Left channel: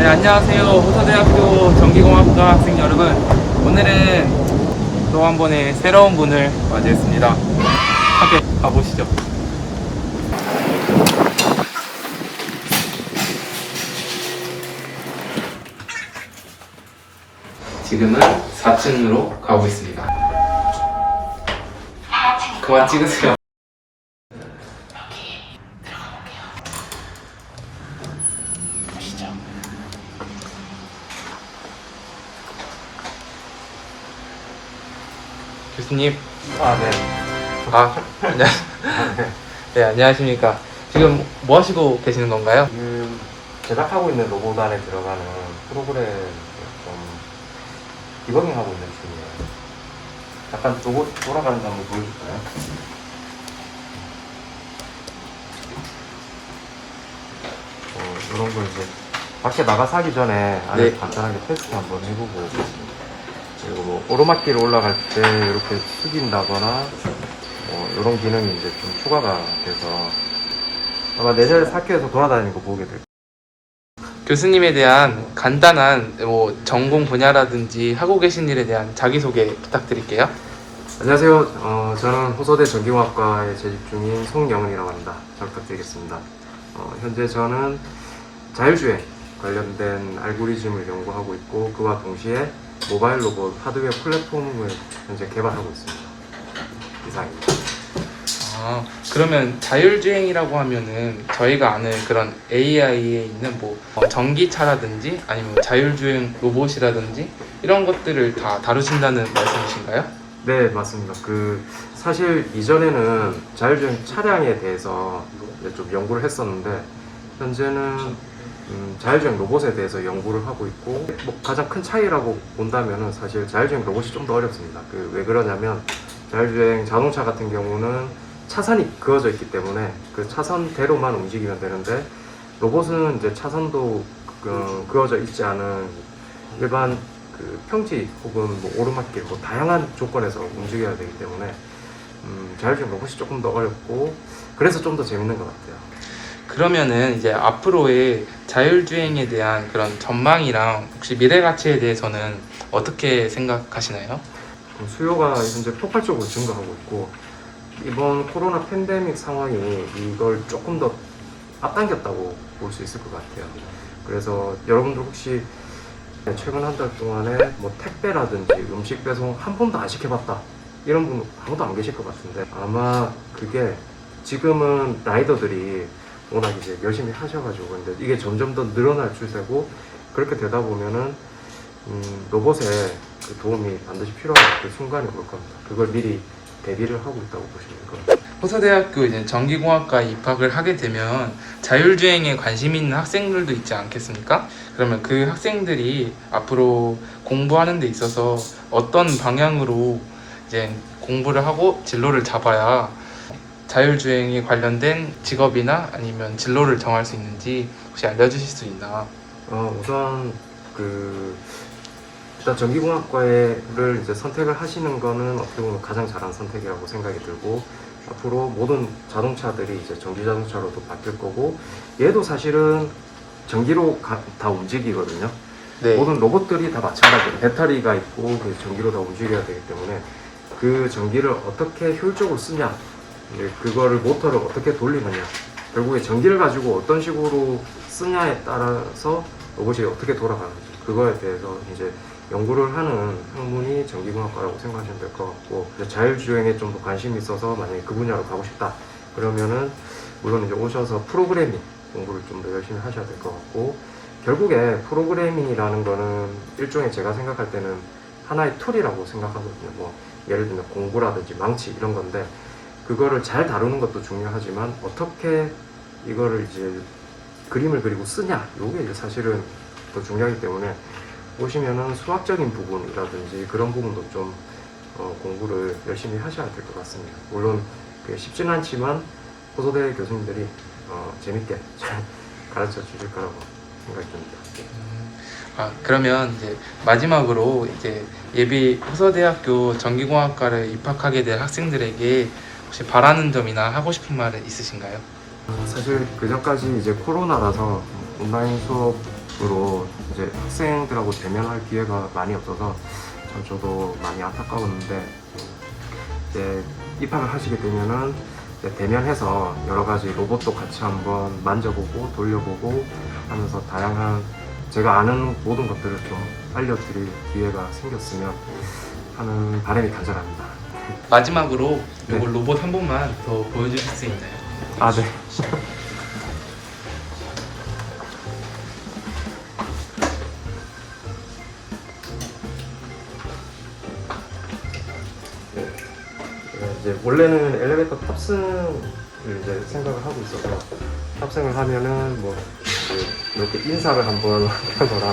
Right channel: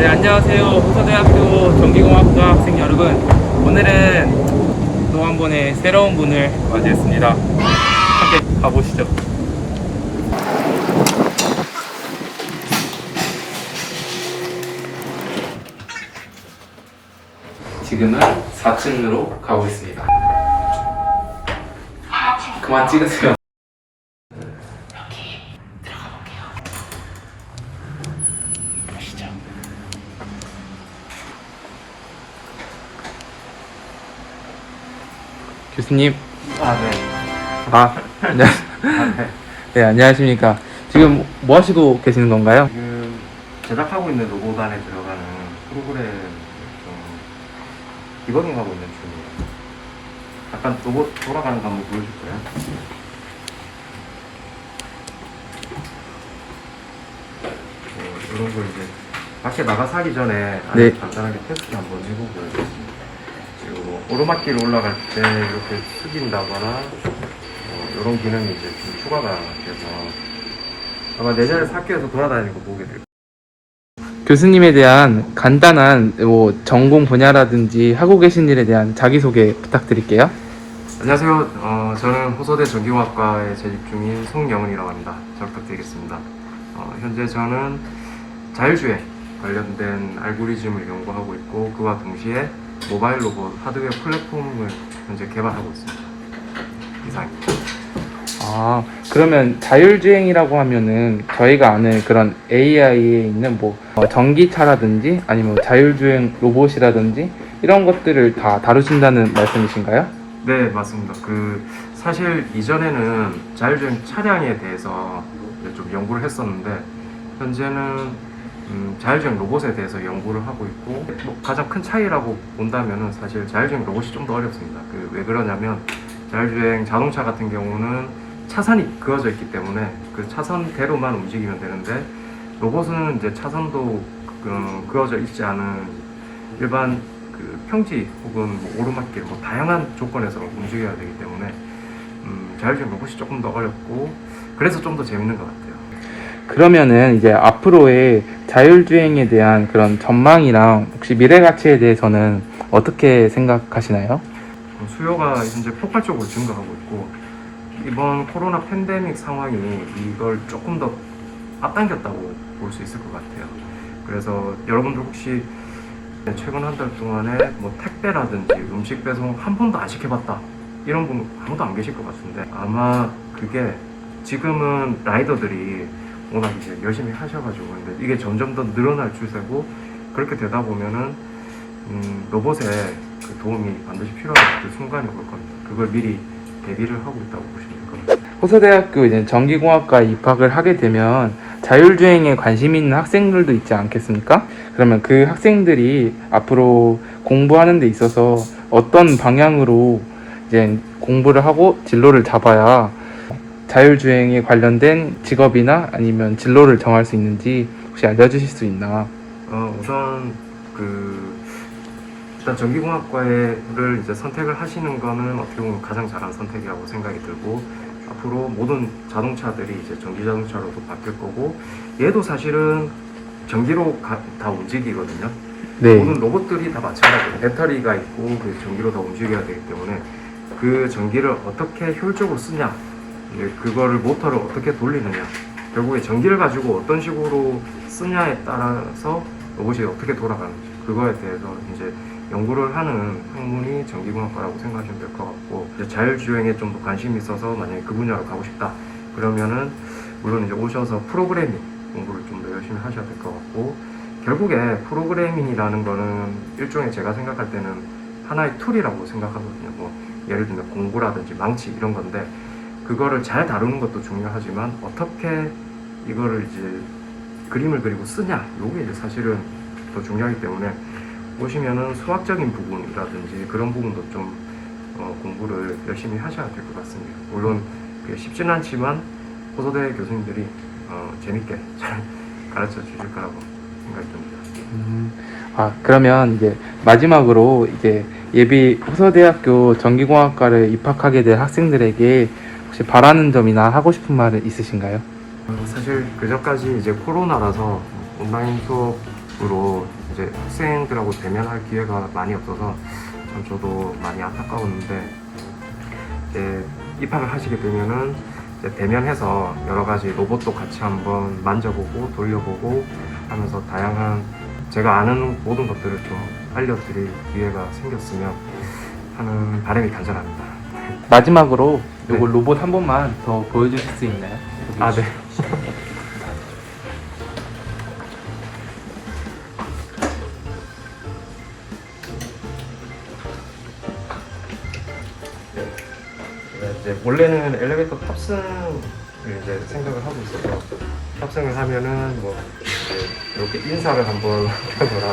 네, 안녕하세요. 호서대학교 전기공학과 학생 여러분. 오늘은 또 한 번의 새로운 분을 맞이했습니다. 함께 가보시죠. 지금은 4층으로 가고 있습니다. 그만 찍으세요. 교수님. 아, 네. 아, 네. 아, 네. 네, 안녕하십니까. 지금 뭐 하시고 계시는 건가요? 지금 제작하고 있는 로봇 안에 들어가는 프로그램을 좀 디버깅하고 있는 중이에요. 잠깐 로봇 돌아가는 거 한번 보여줄까요? 어, 이런 걸 이제 밖에 나가서 하기 전에 안에 네. 간단하게 테스트 한번 해보고 그리고 뭐 오르막길 올라갈 때 이렇게 숙인다거나 어, 이런 기능이 이제 좀 추가가 돼서 아마 내년에 학교에서 돌아다니고 보게 될. 교수님에 대한 간단한 뭐 전공 분야라든지 하고 계신 일에 대한 자기소개 부탁드릴게요. 안녕하세요. 어, 저는 호서대 전기공학과에 재직 중인 송영은이라고 합니다. 잘 부탁드리겠습니다. 어, 현재 저는 자율주행 관련된 알고리즘을 연구하고 있고 그와 동시에 모바일 로봇 하드웨어 플랫폼을 현재 개발하고 있습니다. 이상입니다. 아, 그러면 자율주행이라고 하면은 저희가 아는 그런 AI에 있는 뭐 어, 전기차라든지 아니면 자율주행 로봇이라든지 이런 것들을 다 다루신다는 말씀이신가요? 네, 맞습니다. 그 사실 이전에는 자율주행 차량에 대해서 좀 연구를 했었는데 현재는 음, 자율주행 로봇에 대해서 연구를 하고 있고 뭐 가장 큰 차이라고 본다면은 사실 자율주행 로봇이 좀 더 어렵습니다. 그 왜 그러냐면 자율주행 자동차 같은 경우는 차선이 그어져 있기 때문에 그 차선대로만 움직이면 되는데 로봇은 이제 차선도 그, 그어져 있지 않은 일반 그 평지 혹은 뭐 오르막길 뭐 다양한 조건에서 움직여야 되기 때문에 음, 자율주행 로봇이 조금 더 어렵고 그래서 좀 더 재밌는 것 같아요. 그러면은 이제 앞으로의 자율주행에 대한 그런 전망이랑 혹시 미래 가치에 대해서는 어떻게 생각하시나요? 음, 수요가 현재 폭발적으로 증가하고 있고 이번 코로나 팬데믹 상황이 이걸 조금 더 앞당겼다고 볼 수 있을 것 같아요. 그래서 여러분들 혹시 최근 한 달 동안에 뭐 택배라든지 음식 배송 한 번도 안 시켜봤다 이런 분 아무도 안 계실 것 같은데 아마 그게 지금은 라이더들이 워낙 이제 열심히 하셔가지고 근데 이게 점점 더 늘어날 추세고 그렇게 되다 보면은 음, 로봇의 그 도움이 반드시 필요한 그 순간이 올 겁니다. 그걸 미리 대비를 하고 있다고 보시면 될 겁니다. 호서대학교 이제 전기공학과에 입학을 하게 되면 자율주행에 관심 있는 학생들도 있지 않겠습니까? 그러면 그 학생들이 앞으로 공부하는 데 있어서 어떤 방향으로 이제 공부를 하고 진로를 잡아야 자율주행에 관련된 직업이나 아니면 진로를 정할 수 있는지 혹시 알려주실 수 있나? 어, 우선 그 일단 전기공학과를 이제 선택을 하시는 거는 어떻게 보면 가장 잘한 선택이라고 생각이 들고 앞으로 모든 자동차들이 이제 전기 자동차로도 바뀔 거고 얘도 사실은 전기로 가- 다 움직이거든요. 네. 모든 로봇들이 다 마찬가지예요. 배터리가 있고 그 전기로 다 움직여야 되기 때문에 그 전기를 어떻게 효율적으로 쓰냐, 이제 그거를 모터를 어떻게 돌리느냐, 결국에 전기를 가지고 어떤 식으로 쓰냐에 따라서 로봇이 어떻게 돌아가는지 그거에 대해서 이제 연구를 하는 학문이 전기공학과라고 생각하시면 될 것 같고 자율주행에 좀 더 관심이 있어서 만약에 그 분야로 가고 싶다 그러면은 물론 이제 오셔서 프로그래밍 공부를 좀 더 열심히 하셔야 될 것 같고 결국에 프로그래밍이라는 거는 일종의 제가 생각할 때는 하나의 툴이라고 생각하거든요. 뭐 예를 들면 공구라든지 망치 이런 건데 그거를 잘 다루는 것도 중요하지만 어떻게 이거를 이제 그림을 그리고 쓰냐 요게 이제 사실은 더 중요하기 때문에 오시면은 수학적인 부분이라든지 그런 부분도 좀 어, 공부를 열심히 하셔야 될 것 같습니다. 물론 쉽지는 않지만 호소대 교수님들이 어, 재밌게 잘 가르쳐 주실 거라고 생각이 듭니다. 음, 아 그러면 이제 마지막으로 이제 예비 호서대학교 전기공학과를 입학하게 될 학생들에게 혹시 바라는 점이나 하고 싶은 말 있으신가요? 어, 사실 그전까지 이제 코로나라서 온라인 수업 로봇으로 이제 학생들하고 대면할 기회가 많이 없어서 참 저도 많이 안타까웠는데 이제 입학을 하시게 되면은 대면해서 여러 가지 로봇도 같이 한번 만져보고 돌려보고 하면서 다양한 제가 아는 모든 것들을 좀 알려드릴 기회가 생겼으면 하는 바람이 간절합니다. 마지막으로 네. 요거 로봇 한 번만 더 보여주실 수 있나요? 아, 네. 제가 이제 원래는 엘리베이터 탑승을 이제 생각을 하고 있어서 탑승을 하면은 뭐 이렇게 인사를 한번 하거나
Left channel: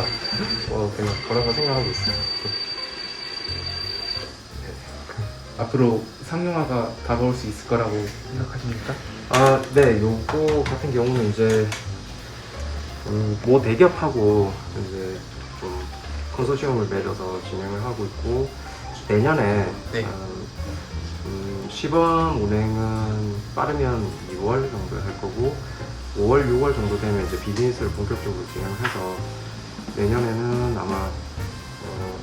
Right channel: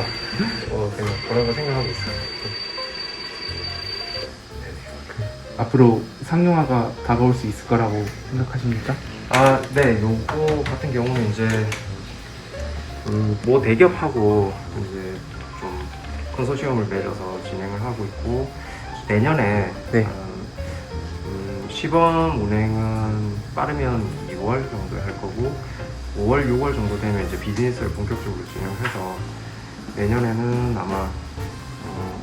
어 그냥 그런 거 생각하고 있어요. 앞으로 상용화가 다가올 수 있을 거라고 생각하십니까? 아, 네, 요거 같은 경우는 이제 음, 모 대기업하고 이제 좀 컨소시엄을 맺어서 진행을 하고 있고 내년에 네. 한, 음, 시범 운행은 빠르면 2월 정도에 할 거고 5월, 6월 정도 되면 이제 비즈니스를 본격적으로 진행해서 내년에는 아마 어,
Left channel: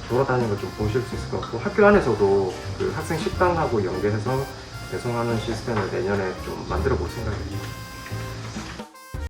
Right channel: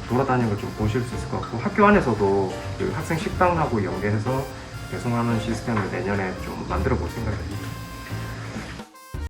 돌아다니는 걸 좀 보실 수 있을 것 같고 학교 안에서도 그 학생 식당하고 연계해서 배송하는 시스템을 내년에 좀 만들어 볼 생각입니다.